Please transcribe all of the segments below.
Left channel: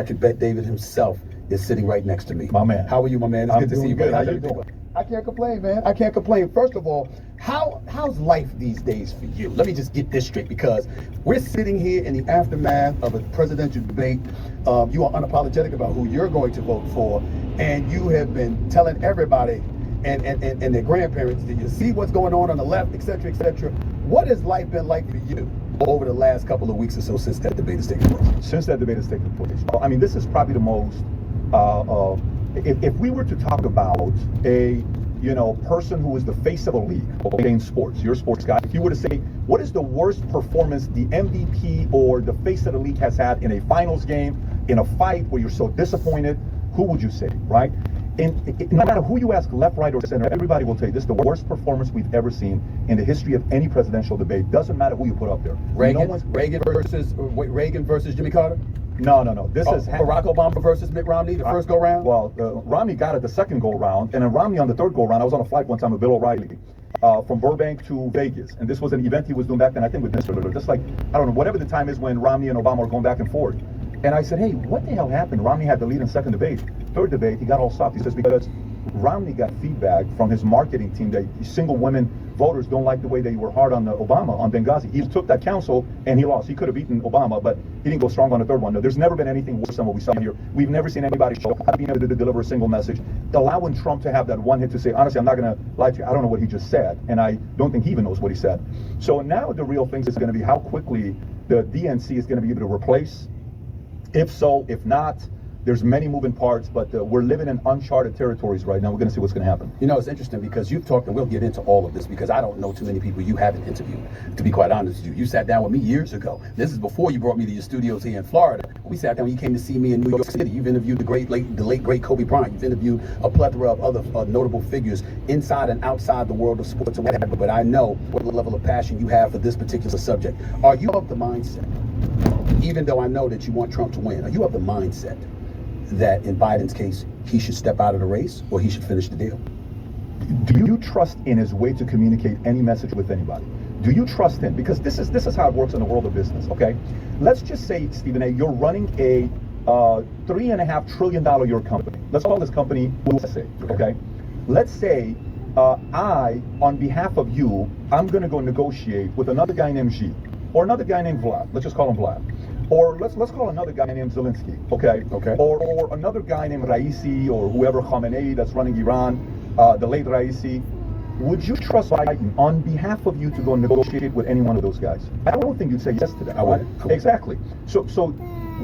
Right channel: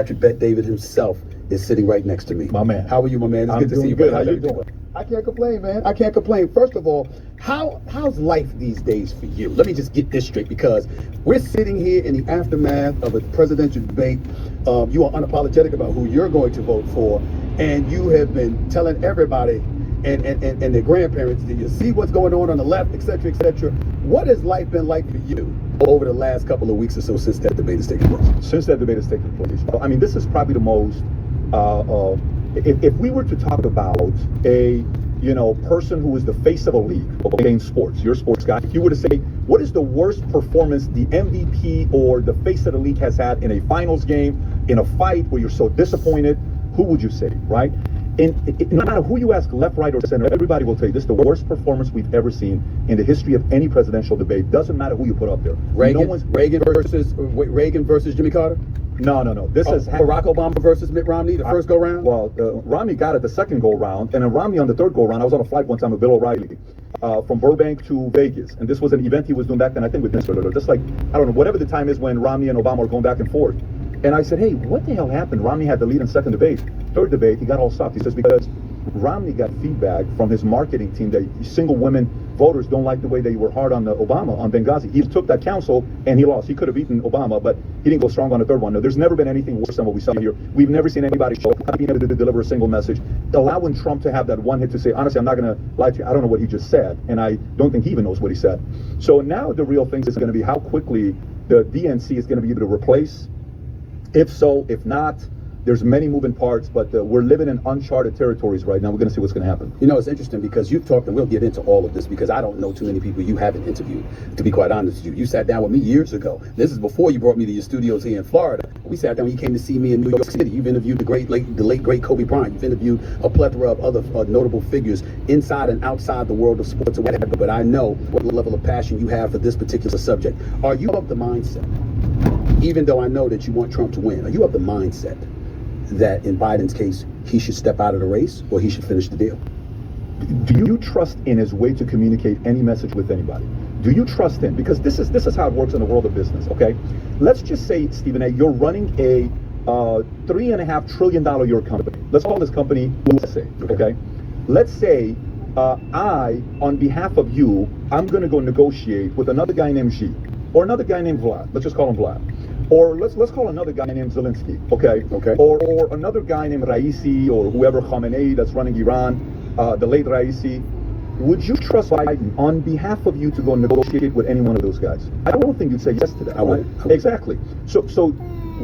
Patrick Bet David himself is sitting right next to me. My man. How are you, my man? It's I'm good to see you. doing good. How you doing? I can't complain, man. I can't complain. First of all, how's life these days for you? Let me just get this straight, because we're sitting here in the aftermath of a presidential debate. You are unapologetic about who you're going to vote for, and you have been telling everybody and their grandparents, do you see what's going on the left, etc., etc. What has life been like for you over the last couple of weeks or so since that debate has taken place? Since that debate has taken place. Well, I mean, this is probably the most, if we were to talk about a, person who is the face of a league, okay, in sports, you're a sports guy, if you were to say, what is the worst performance the MVP or the face of the league has had in a finals game, in a fight where you're so disappointed, who would you say, right? And no matter who you ask, left, right, or center, everybody will tell you this is the worst performance we've ever seen in the history of any presidential debate. Doesn't matter who you put up there. Reagan versus Jimmy Carter? No. This is Barack Obama versus Mitt Romney, the first go round? Well, Romney got it the second go round, and then Romney on the third go round. I was on a flight one time with Bill O'Reilly from Burbank to Vegas, and this was an event he was doing back then, I think, with Mr. Just like, I don't know, whatever the time is when Romney and Obama are going back and forth. And I said, hey, what the hell happened? Romney had the lead in second debate. Third debate, he got all stopped. He says, because Romney got feedback from his marketing team that single women voters don't like the way they were hard on Obama on Benghazi. He took that counsel and he lost. He could have beaten Obama, but he didn't go strong on the third one. No, there's never been anything worse than what we saw here. We've never seen anybody show how being able to deliver a single message, allowing Trump to have that one hit to say, honestly, I'm not going to lie to you, I don't know what he just said, and I don't think he even knows what he said. So now the real thing is going to be how quickly the DNC is going to be able to replace. If so, if not, there's many moving parts, but we're living in uncharted territories right now. We're going to see what's going to happen. You know, it's interesting because you've talked, and we'll get into all of this, because I don't know too many people you haven't interviewed, to be quite honest with you. You sat down with me years ago. This is before you brought me to your studios here in Florida. We sat down when you came to see me in New York City. You've interviewed the late great Kobe Bryant. You've interviewed a plethora of other notable figures inside and outside the world of sports and whatever, but I know what level of passion you have for this particular subject. Are you of the mindset, even though I know that you want Trump to win, are you of the mindset that in Biden's case, he should step out of the race or he should finish the deal? Do you trust in his way to communicate any message with anybody? Do you trust him? Because this is how it works in the world of business, okay? Let's just say, Stephen A., you're running a $3.5 trillion a year company. Let's call this company USA, okay? Let's say I, on behalf of you, I'm going to go negotiate with another guy named Xi, or another guy named Vlad. Let's just call him Vlad. Or let's call another guy named Zelensky, okay? Or another guy named Raisi, or whoever, Khamenei, that's running Iran, the late Raisi. Would you trust Biden on behalf of you to go negotiate with any one of those guys? I don't think you'd say yes to that. I would. Exactly. So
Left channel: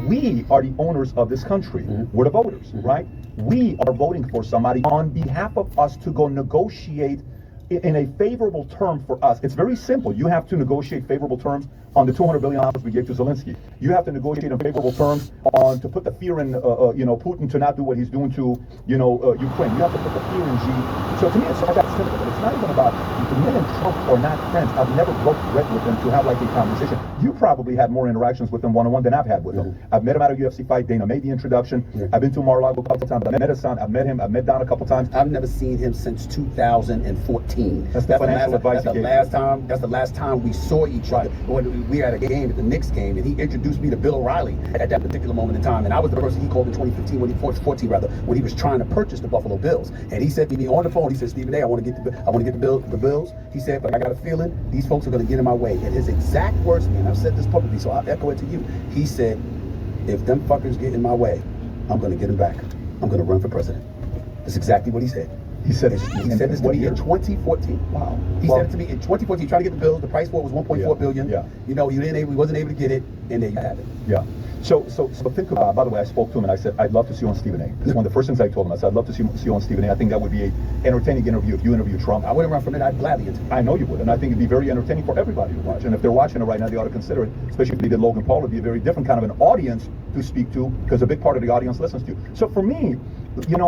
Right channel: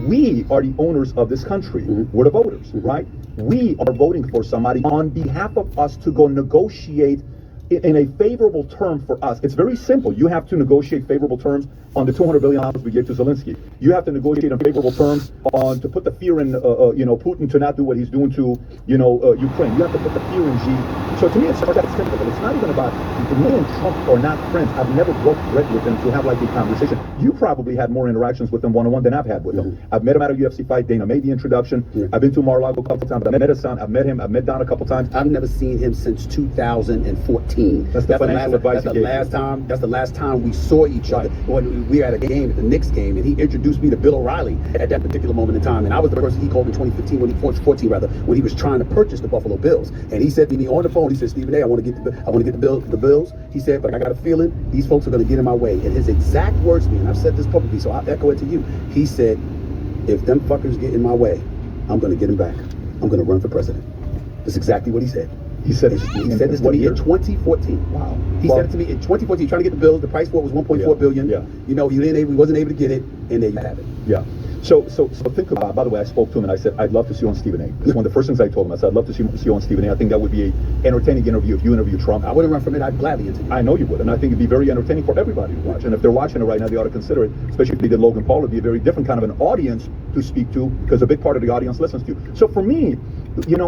we are the owners of this country. We're the voters, right? We are voting for somebody on behalf of us to go negotiate in a favorable term for us. It's very simple. You have to negotiate favorable terms on the $200 billion we gave to Zelensky. You have to negotiate on favorable terms to put the fear in, Putin to not do what he's doing to, Ukraine. You have to put the fear in Xi. So to me, it's not that simple. It's not even about, me and Trump are not friends. I've never worked directly with him to have like a conversation. You probably had more interactions with him one-on-one than I've had with him. I've met him at a UFC fight. Dana made the introduction. I've been to Mar-a-Lago a couple times. I've met his son. I've met him. I've met Don a couple times. I've never seen him since 2014. That's the financial advice he gave. That's the last time we saw each other. When we were at a game, at the Knicks game, and he introduced me to Bill O'Reilly at that particular moment in time. And I was the person he called in 2015, when he was trying to purchase the Buffalo Bills. And he said to me on the phone, he said, Stephen A., I want to get the Bills. He said, but I got a feeling these folks are going to get in my way. And his exact words to me, and I've said this publicly, so I'll echo it to you. He said, if them fuckers get in my way, I'm going to get them back. I'm going to run for president. That's exactly what he said. He said this to me in 2014. Wow. He said it to me in 2014, trying to get the bills. The price for it was $1.4 billion. Yeah. He wasn't able to get it, and there you have it. Yeah. So think about, by the way, I spoke to him and I said, I'd love to see you on Stephen A. It's one of the first things I told him. I said, I'd love to see you on Stephen A. I think that would be an entertaining interview if you interview Trump. I wouldn't run from it. I'd gladly interview. I know you would, and I think it'd be very entertaining for everybody to watch. And if they're watching it right now, they ought to consider it, especially if they did Logan Paul. It'd be a very different kind of an audience to speak to, because a big part of the audience listens to you. So for me,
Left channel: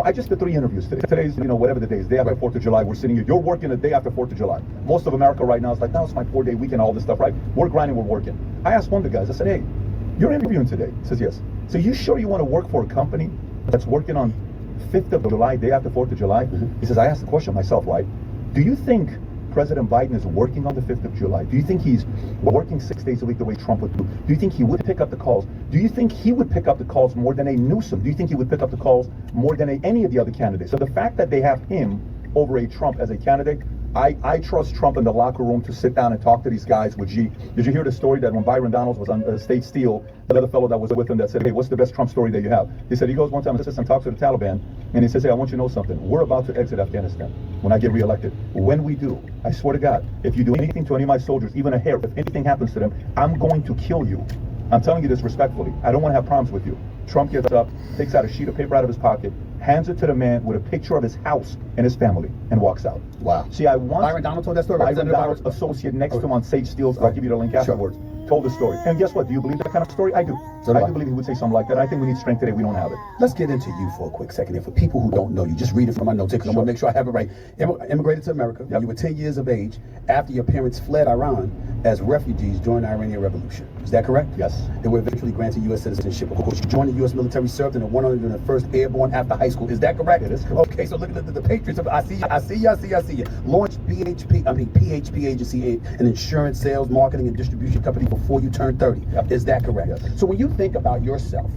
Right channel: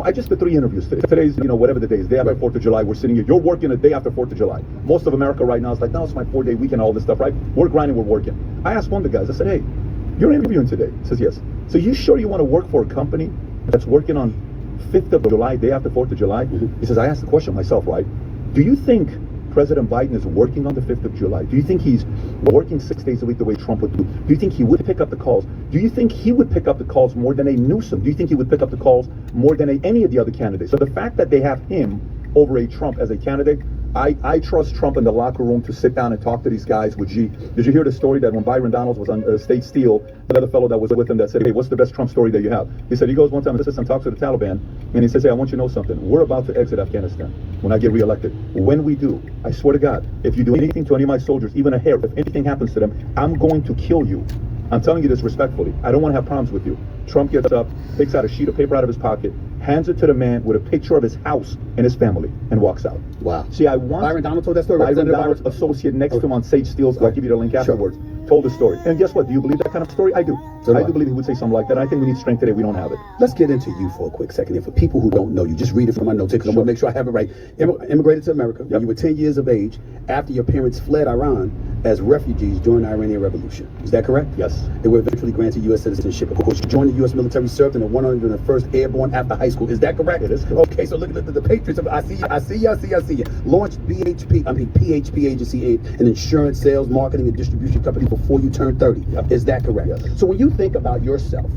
I just did 3 interviews today. Today's, whatever the day is, day after 4th of July, we're sitting here. You're working the day after 4th of July. Most of America right now is like, no, it's my 4-day weekend, all this stuff, right? We're grinding, we're working. I asked one of the guys, I said, hey, you're interviewing today. He says, yes. So you sure you want to work for a company that's working on 5th of July, day after 4th of July? He says, I asked the question myself, right? Do you think President Biden is working on the 5th of July? Do you think he's working 6 days a week the way Trump would do? Do you think he would pick up the calls? Do you think he would pick up the calls more than a Newsom? Do you think he would pick up the calls more than any of the other candidates? So the fact that they have him over a Trump as a candidate, I trust Trump in the locker room to sit down and talk to these guys with G. Did you hear the story that when Byron Donalds was on State Steel, the other fellow that was with him that said, hey, what's the best Trump story that you have? He said, he goes one time and sits and talks to the Taliban, and he says, hey, I want you to know something. We're about to exit Afghanistan when I get reelected. When we do, I swear to God, if you do anything to any of my soldiers, even a hair, if anything happens to them, I'm going to kill you. I'm telling you this respectfully. I don't want to have problems with you. Trump gets up, takes out a sheet of paper out of his pocket, hands it to the man with a picture of his house and his family, and walks out. Wow. See, I want Byron Donald told that story. Byron Donald's associate next to him on Sage Steele's, I'll give you the link afterwards, told the story. And guess what? Do you believe that kind of story? I do. So I do believe he would say something like that. I think we need strength today. We don't have it. Let's get into you for a quick second. And for people who don't know you, just read it from my notes because I want to make sure I have it right. Immigrated to America when you were 10 years of age after your parents fled Iran as refugees during the Iranian Revolution. Is that correct? Yes. They were eventually granted U.S. citizenship. Of course, you joined the U.S. military, served in the 101st Airborne after high school. Is that correct? It is correct. Okay, so look at the Patriots. I see you. Launched PHP agency, an insurance, sales, marketing, and distribution company before you turned 30. Yep. Is that correct? Yes. So when you think about yourself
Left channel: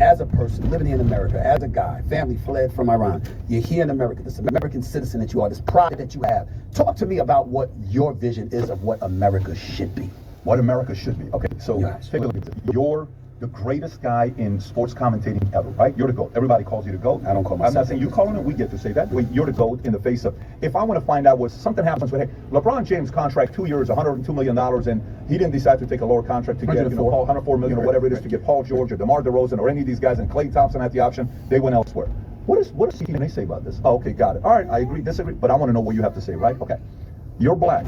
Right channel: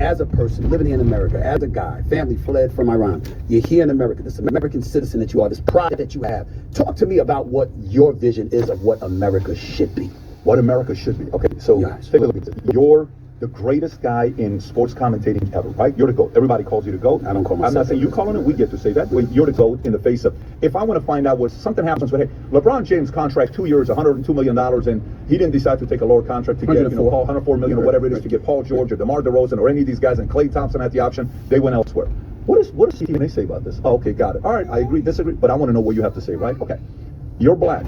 as a person living here in America, as a guy, family fled from Iran, you're here in America, this American citizen that you are, this pride that you have. Talk to me about what your vision is of what America should be. What America should be. Okay, so Yes. take a look at this. You're the greatest guy in sports commentating ever, right? You're the GOAT. Everybody calls you the GOAT. I don't call myself I'm not saying that. you calling it. We get to say that. But you're the GOAT in the face of, if I want to find out what something happens with, hey, LeBron James contract 2 years, $102 million, and he didn't decide to take a lower contract to get, Paul, $104 million or whatever it is to get Paul George or DeMar DeRozan or any of these guys, and Klay Thompson at the option, they went elsewhere. What does Stephen A say about this? Oh, okay, got it. All right, I agree, disagree, but I want to know what you have to say, right? Okay. You're black.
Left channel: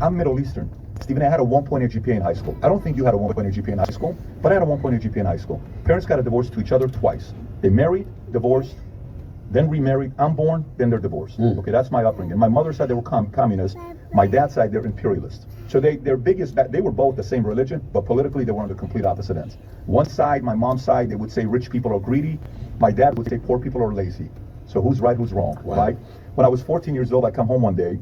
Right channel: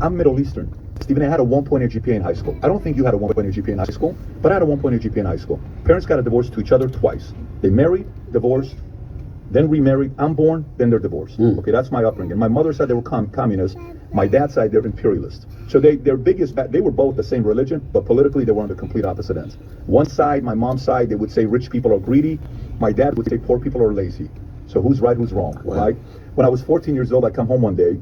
I'm Middle Eastern. Stephen A had a 1.8 GPA in high school. I don't think you had a 1.8 GPA in high school, but I had a 1.8 GPA in high school. Parents got a divorce to each other twice. They married, divorced, then remarried. I'm born, then they're divorced. Okay, that's my upbringing. My mother side, they were communists. My dad's side, they're imperialists. So they were both the same religion, but politically they were on the complete opposite ends. One side, my mom's side, they would say rich people are greedy. My dad would say poor people are lazy. So who's right, who's wrong, right? When I was 14 years old, I come home one day,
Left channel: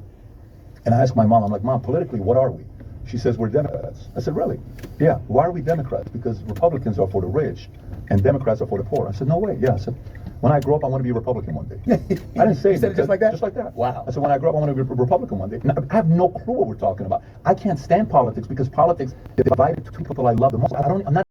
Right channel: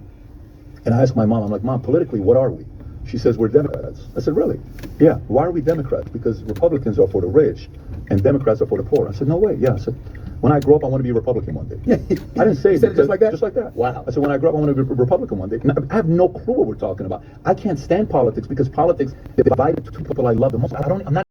and I asked my mom, I'm like, Mom, politically, what are we? She says, we're Democrats. I said, really? Yeah. Why are we Democrats? Because Republicans are for the rich and Democrats are for the poor. I said, no way. Yeah. I said, when I grow up, I want to be a Republican one day. I didn't say it just like that? Just like that. Wow. I said, when I grow up, I want to be a Republican one day. And I have no clue what we're talking about. I can't stand politics because politics divided two people I love the most. I'm not